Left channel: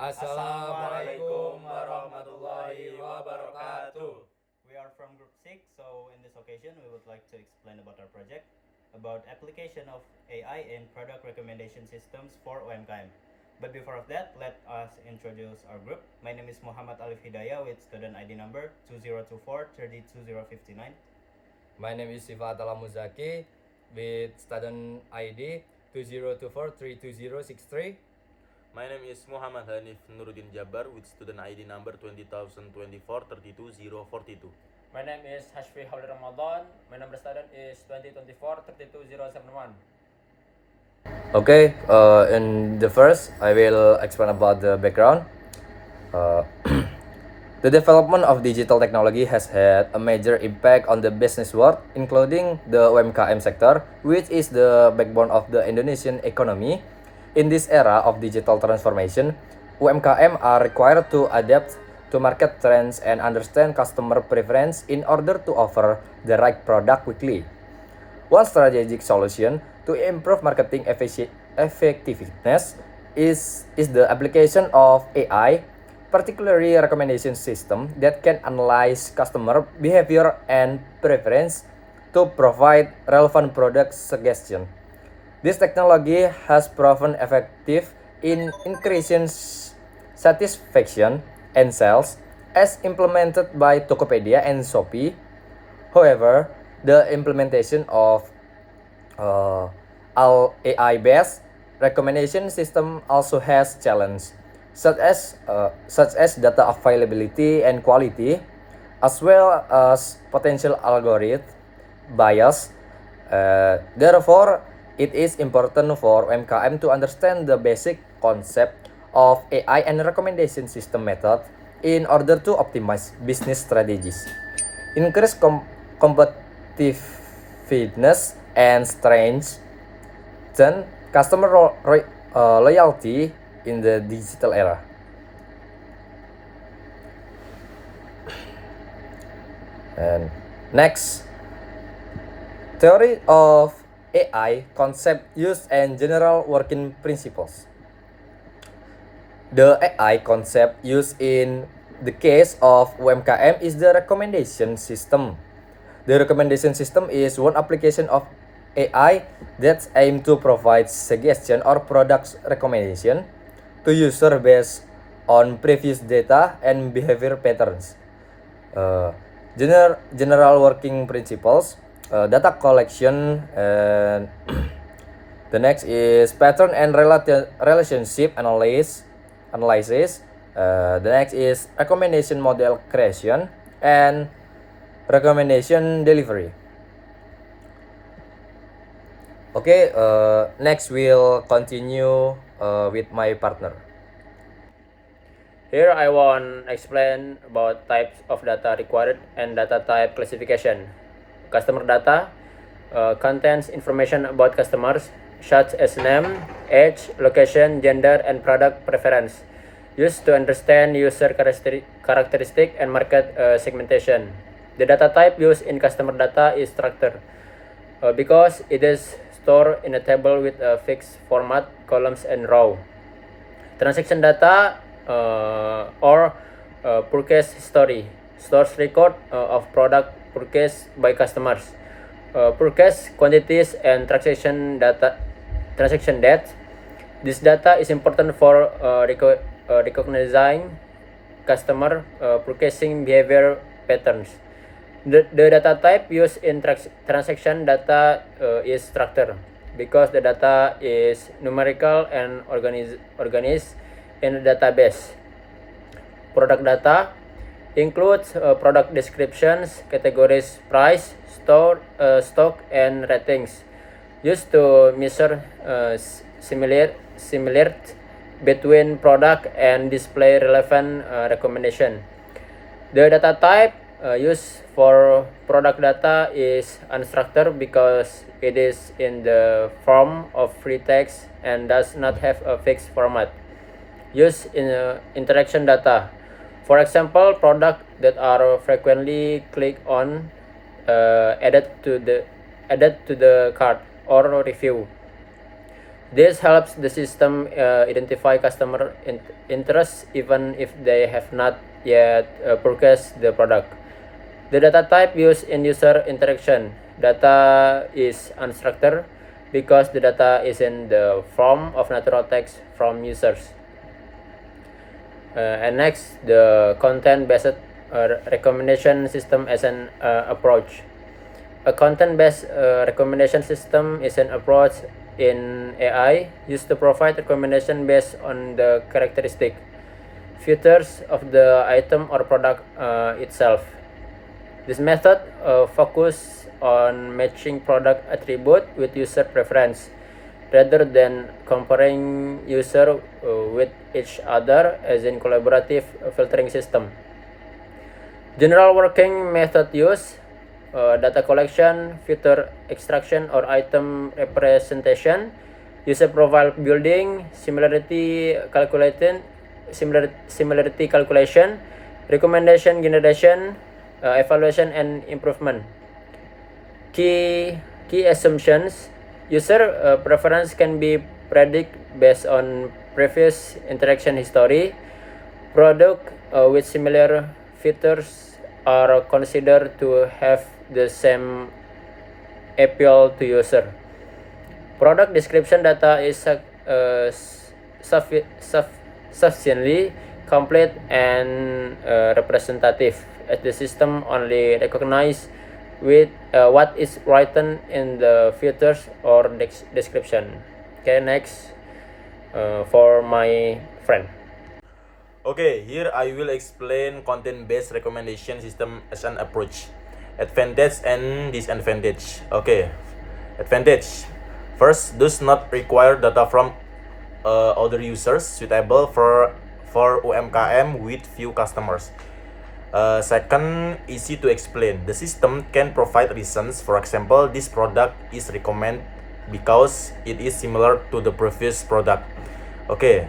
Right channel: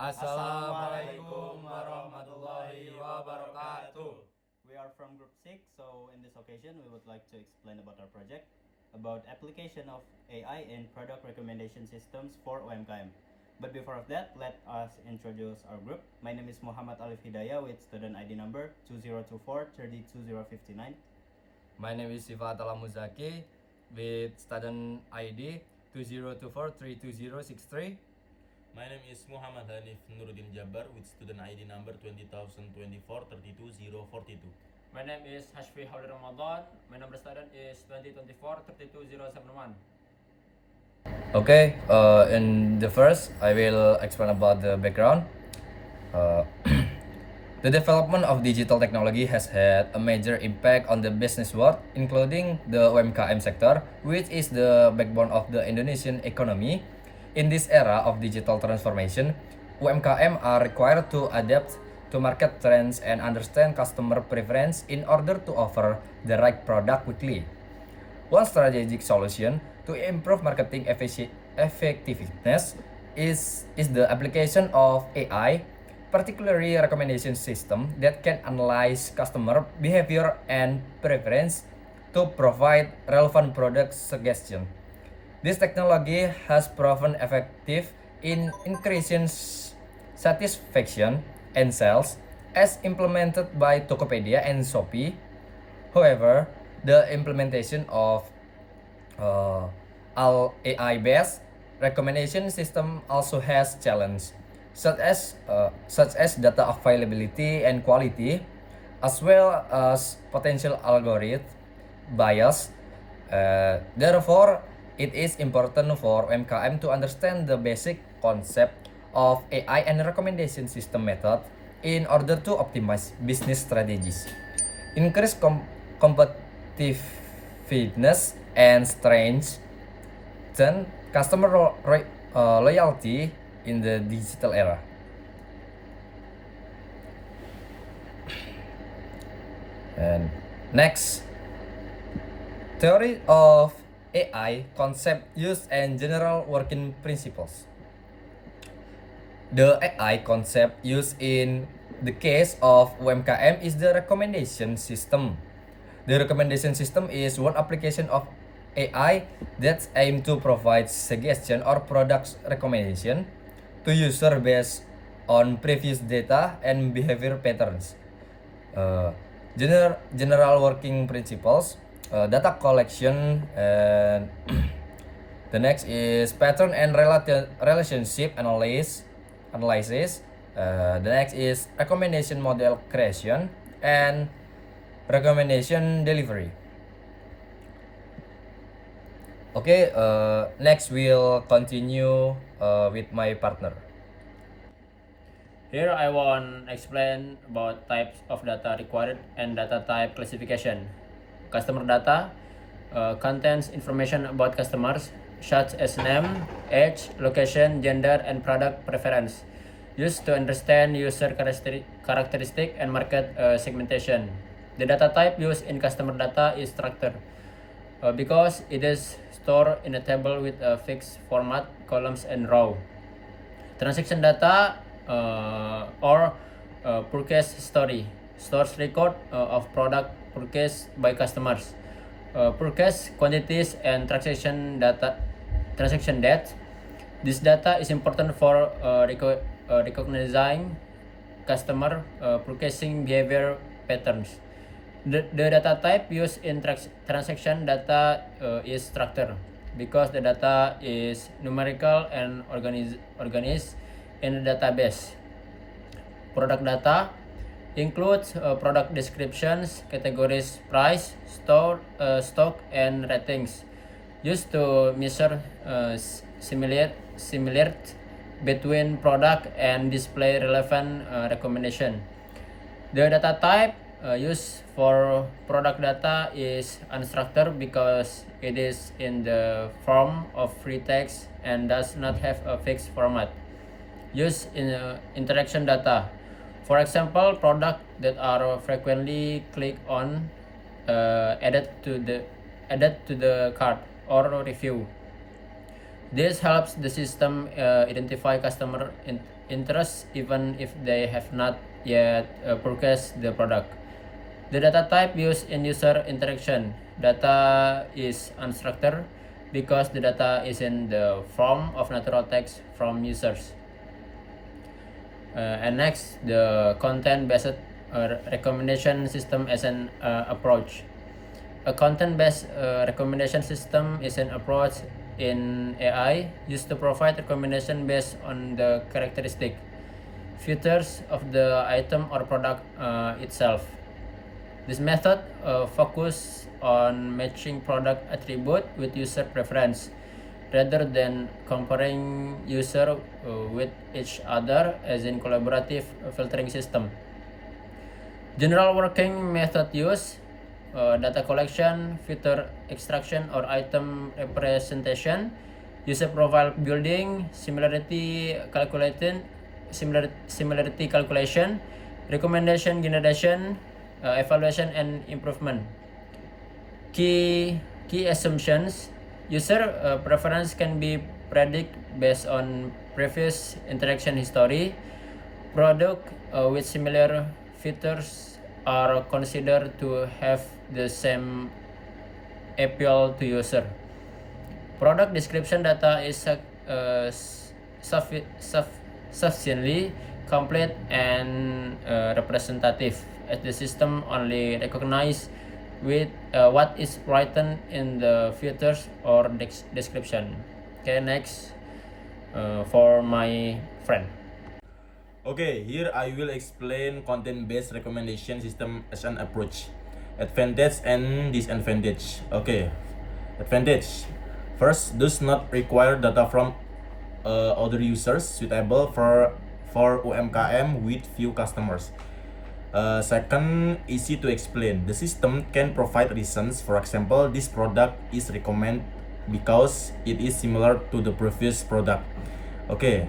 Assalamualaikum warahmatullahi wabarakatuh. We are from Group 6, so in this occasion we would like to explain about our project about application of AI in product recommendation systems for UMKM. But before of that, let us introduce our group. My name is Muhammad Alif Hidayah with student ID number 2024-32059. My name is Sifat Alamuzaki with student ID 2024-32063. My name is Muhammad Hanif Nuruddin Jabbar with student ID number 20024-32042. My name is Hashfi Hauli Ramadan. My number student is 2024-32071. Okay, in the first, I will explain about the background. The development of digital technology has had a major impact on the business world, including the UMKM sector, which is the backbone of the Indonesian economy. In this era of digital transformation, UMKM are required to adapt to market trends and understand customer preference in order to offer the right product quickly. One strategic solution to improve marketing effectiveness is the application of AI, particularly recommendation system that can analyze customer behavior and preference to provide relevant product suggestion. This technology has proven effective in increasing satisfaction and sales as implemented by Tokopedia and Shopee. However, the implementation of all AI-based recommendation system also has challenges such as data availability and quality, as well as potential algorithm bias. Therefore, it is important for UMKM to understand the basic concept of AI and recommendation system method in order to optimize business strategies, increase competitiveness, and strengthen customer loyalty in the digital era. And next, theory of AI concept use and general working principles. The AI concept used in the case of UMKM is the recommendation system. The recommendation system is one application of AI that aims to provide suggestion or product recommendation to user based on previous data and behavior patterns. General working principles, data collection, and the next is pattern and relationship analysis. The next is recommendation model creation and recommendation delivery. Okay, next we'll continue with my partner. Here I want to explain about types of data required and data type classification. Customer data contains information about customers such as name, age, location, gender, and product preference, used to understand user characteristic and market segmentation. The data type used in customer data is structure because it is stored in a table with a fixed format, columns, and row. Transaction data or purchase history stores record of product purchased by customers, purchase quantities, and transaction date. This data is important for recognizing customer purchasing behavior patterns. The data type used in transaction data is structure because the data is numerical and organized in a database. Product data includes product descriptions, categories, price, stock, and ratings, used to measure similarity between product and display relevant recommendation. The data type used for product data is unstructured because it is in the form of free text and does not have a fixed format. Used in interaction data, for example, products that are frequently clicked on, added to the cart, or review. This helps the system identify customer interests even if they have not yet purchased the product. The data type used in user interaction. Data is unstructured because the data is in the form of natural text from users. And next, the content-based recommendation system as an approach. A content-based recommendation system is an approach in AI used to provide recommendation based on the characteristic features of the item or product itself. This method focuses on matching product attribute with user preference rather than comparing user with each other as in collaborative filtering system. General working method use data collection, feature extraction or item representation, user profile building, similarity calculation, recommendation generation, evaluation and improvement. Key assumptions: user preference can be predicted based on previous interaction history. Product with similar features are considered to have the same appeal to user. Product description data is sufficiently complete and representative, as the system only recognizes with what is written in the features or description. Okay, next for my friend. Okay, here I will explain content-based recommendation system as an approach. Advantage and disadvantage. Okay, advantage. First, does not require data from other users, suitable for UMKM with few customers. Second, easy to explain. The system can provide reasons. For example, this product is recommended because it is similar to the previous product. Okay.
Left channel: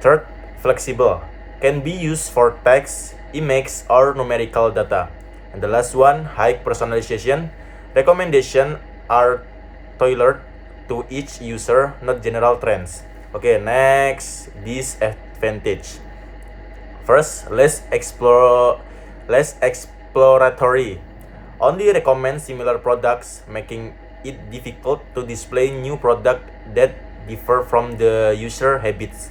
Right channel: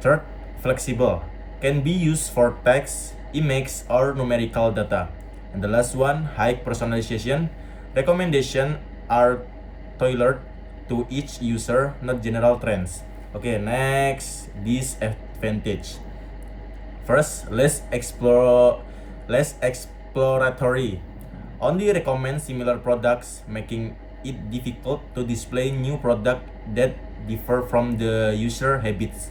Third, flexible. Can be used for text, image, or numerical data. And the last one, high personalization. Recommendations are tailored to each user, not general trends. Okay, next, disadvantage. First, less exploratory. Only recommend similar products, making it difficult to display new products that differ from the user habits.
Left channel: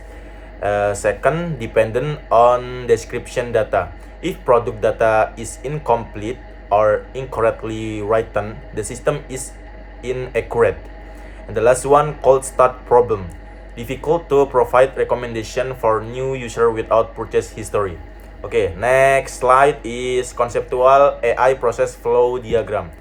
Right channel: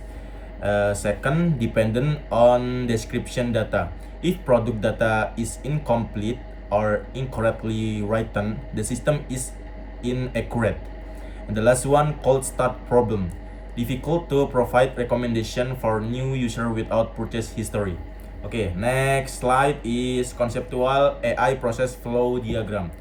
Second, dependent on description data. If product data is incomplete or incorrectly written, the system is inaccurate. And the last one, cold start problem. Difficult to provide recommendation for new user without purchase history. Okay, next slide is conceptual AI process flow diagram.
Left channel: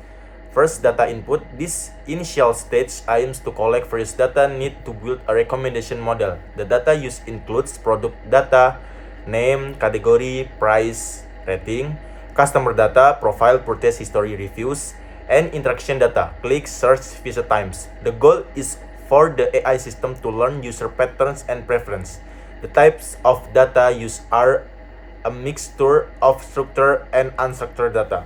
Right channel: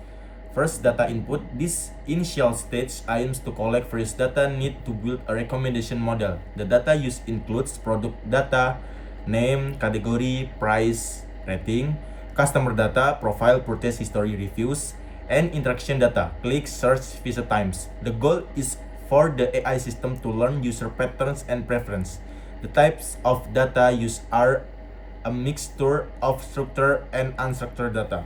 First, data input. This initial stage aims to collect various data need to build a recommendation model. The data used includes product data, name, category, price, rating, customer data, profile, purchase history, reviews, and interaction data, click, search, visit times. The goal is for the AI system to learn user patterns and preference. The types of data used are a mixture of structured and unstructured data.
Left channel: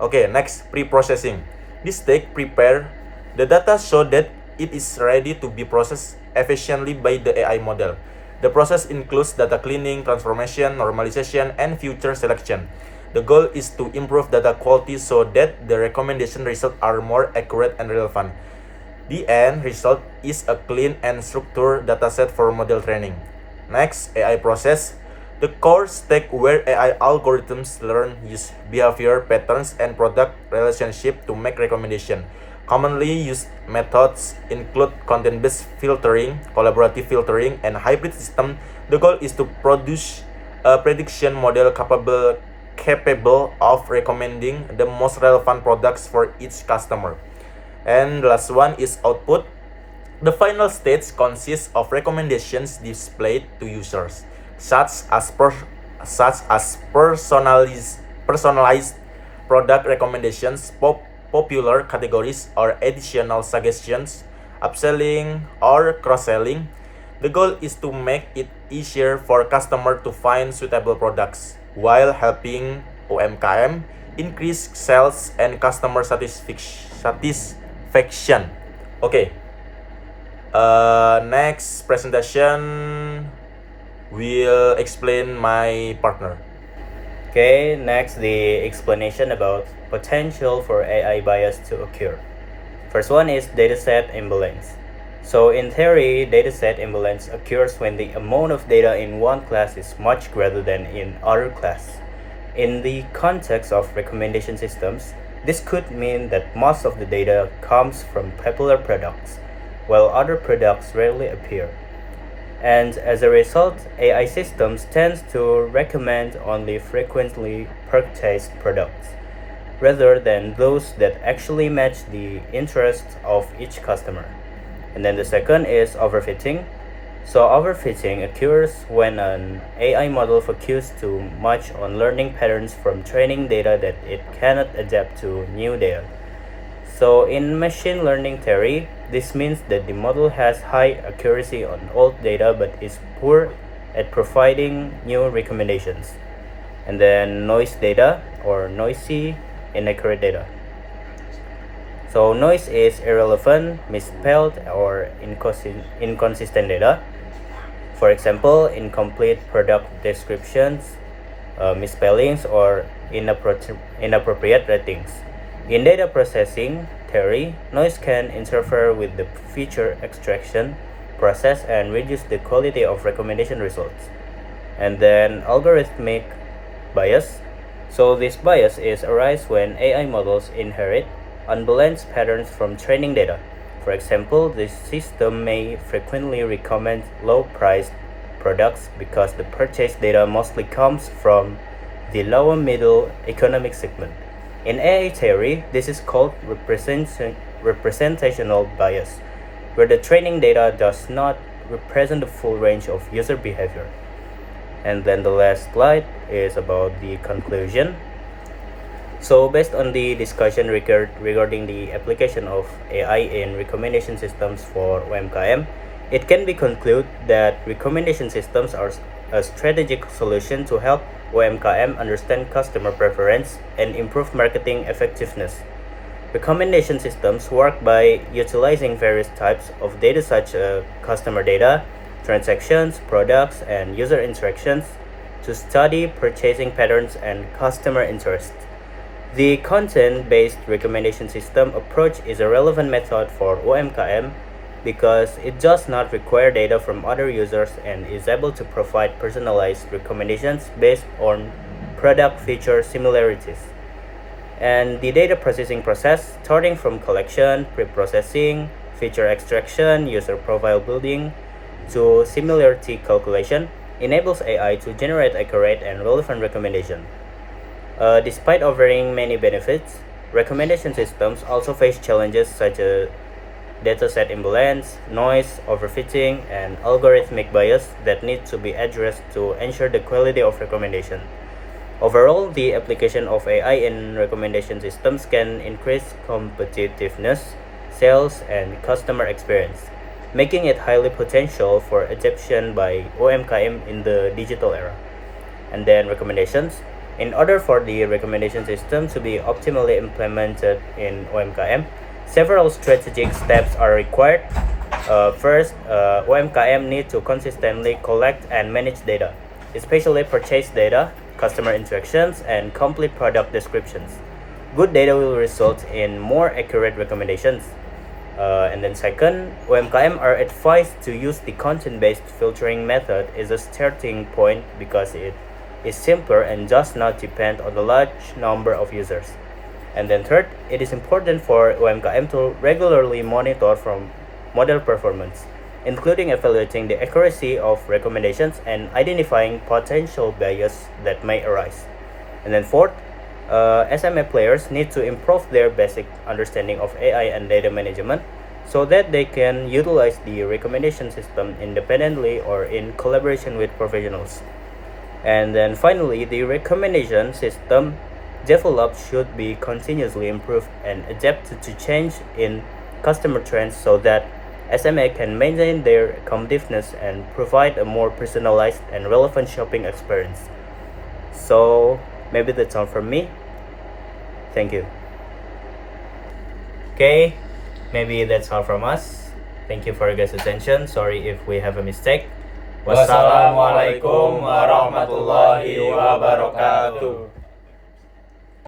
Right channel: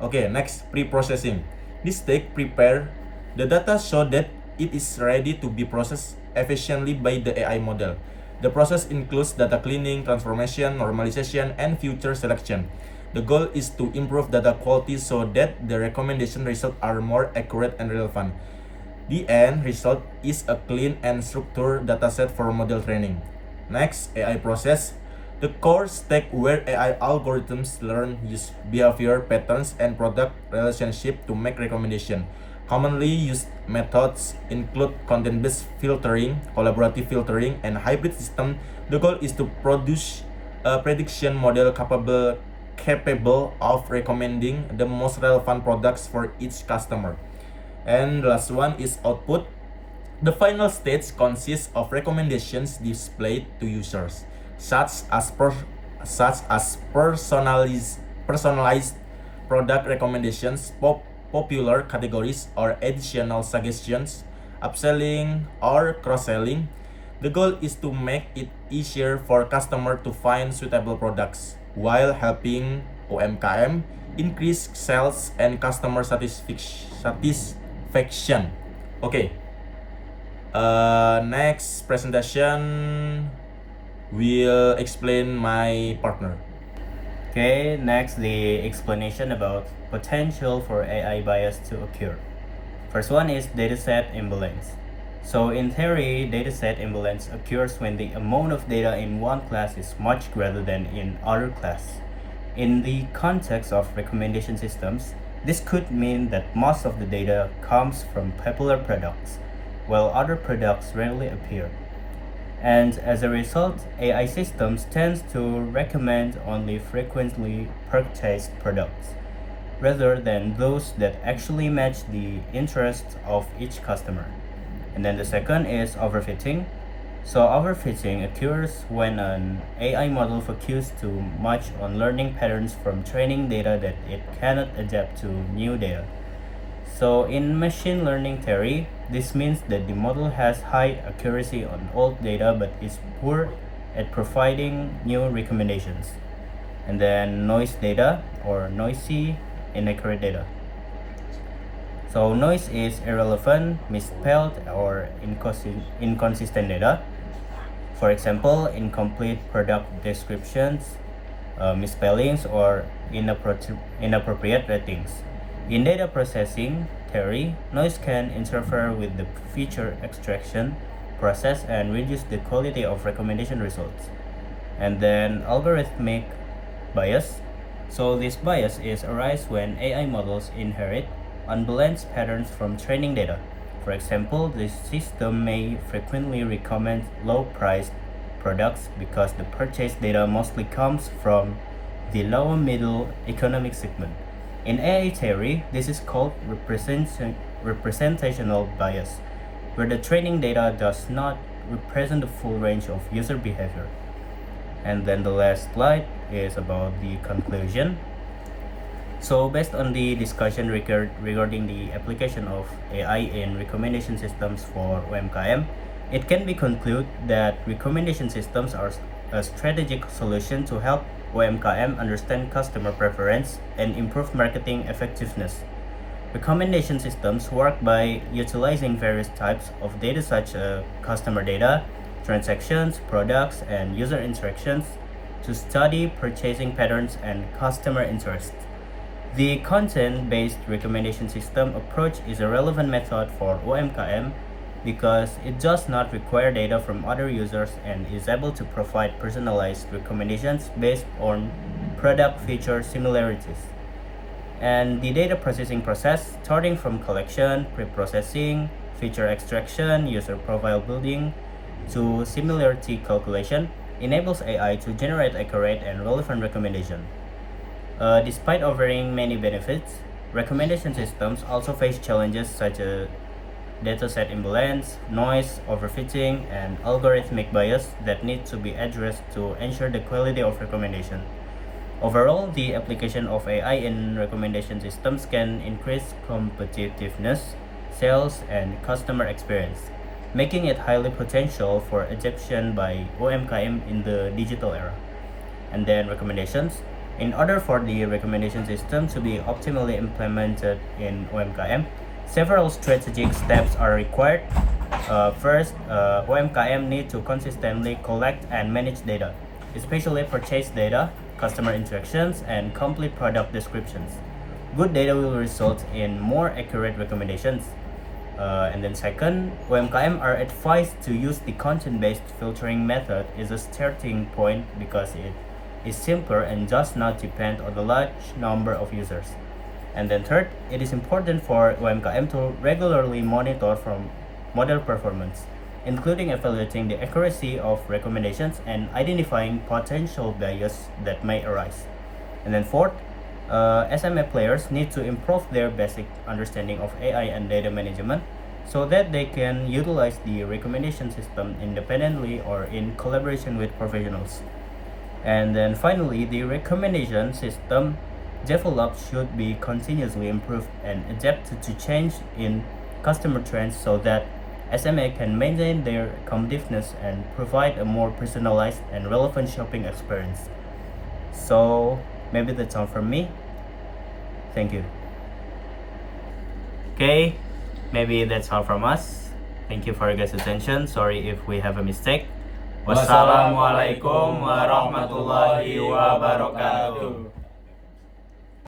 Okay, next, pre-processing. This stage prepare the data so that it is ready to be processed efficiently by the AI model. The process includes data cleaning, transformation, normalization, and future selection. The goal is to improve data quality so that the recommendation results are more accurate and relevant. The end result is a clean and structured dataset for model training. Next, AI process. The core stage where AI algorithms learn use behavior patterns and product relationship to make recommendation. Commonly used methods include content-based filtering, collaborative filtering, and hybrid system. The goal is to produce a prediction model capable of recommending the most relevant products for each customer. And the last one is output. The final stage consists of recommendations displayed to users, such as personalized product recommendations, popular categories, or additional suggestions, upselling or cross-selling. The goal is to make it easier for customers to find suitable products while helping UMKM increase sales and customer satisfaction. Okay. Next presentation will explain my partner. Okay, next the explanation about potential for AI bias to occur. First one is dataset imbalance. So in theory, dataset imbalance occurs when the amount of data in one class is much greater than in other class. In the context of recommendation systems, this could mean that most of the data comes from popular products, while other products rarely appear. And as a result, AI systems tend to recommend only frequently purchased products, rather than those that actually match the interests of each customer. And then the second is overfitting. So overfitting occurs when an AI model focuses too much on learning patterns from training data that it cannot adapt to new data. So in machine learning theory, this means that the model has high accuracy on old data but is poor at providing new recommendations. And then noise data or noisy inaccurate data. So noise is irrelevant, misspelled, or inconsistent data. For example, incomplete product descriptions, misspellings, or inappropriate ratings. In data processing theory, noise can interfere with the feature extraction process and reduce the quality of recommendation results. And then algorithmic bias. So this bias is arise when AI models inherit unbalanced patterns from training data. For example, the system may frequently recommend low-priced products because the purchase data mostly comes from the lower middle economic segment. In AI theory, this is called representational bias, where the training data does not represent the full range of user behavior. And then the last slide is about the conclusion. So based on the discussion regarding the application of AI in recommendation systems for OMKM, it can be concluded that recommendation systems are a strategic solution to help OMKM understand customer preference and improve marketing effectiveness. Recommendation systems work by utilizing various types of data such as customer data, transactions, products, and user interactions to study purchasing patterns and customer interests. The content-based recommendation system approach is a relevant method for OMKM because it does not require data from other users and is able to provide personalized recommendations based on product feature similarities. And the data processing process, starting from collection, pre-processing, feature extraction, user profile building, to similarity calculation, enables AI to generate accurate and relevant recommendations. Despite offering many benefits, recommendation systems also face challenges such as dataset imbalance, noise, overfitting, and algorithmic bias that need to be addressed to ensure the quality of recommendation. Overall, the application of AI in recommendation systems can increase competitiveness, sales, and customer experience, making it highly potential for adoption by OMKM in the digital era. And then recommendations. In order for the recommendation system to be optimally implemented in OMKM, several strategic steps are required. First, OMKM need to consistently collect and manage data, especially purchase data, customer interactions, and complete product descriptions. Good data will result in more accurate recommendations. And then second, OMKM are advised to use the content-based filtering method as a starting point because it is simpler and does not depend on a large number of users. And then third, it is important for OMKM to regularly monitor from model performance, including evaluating the accuracy of recommendations and identifying potential bias that may arise. And then fourth, SMA players need to improve their basic understanding of AI and data management so that they can utilize the recommendation system independently or in collaboration with professionals. And then finally, the recommendation system developed should be continuously improved and adapted to change in customer trends so that SMA can maintain their competitiveness and provide a more personalized and relevant shopping experience. So maybe that's all from me. Thank you. Okay, maybe that's all from us. Thank you for your guys' attention. Sorry if we have a mistake. Wassalamualaikum warahmatullahi wabarakatuh.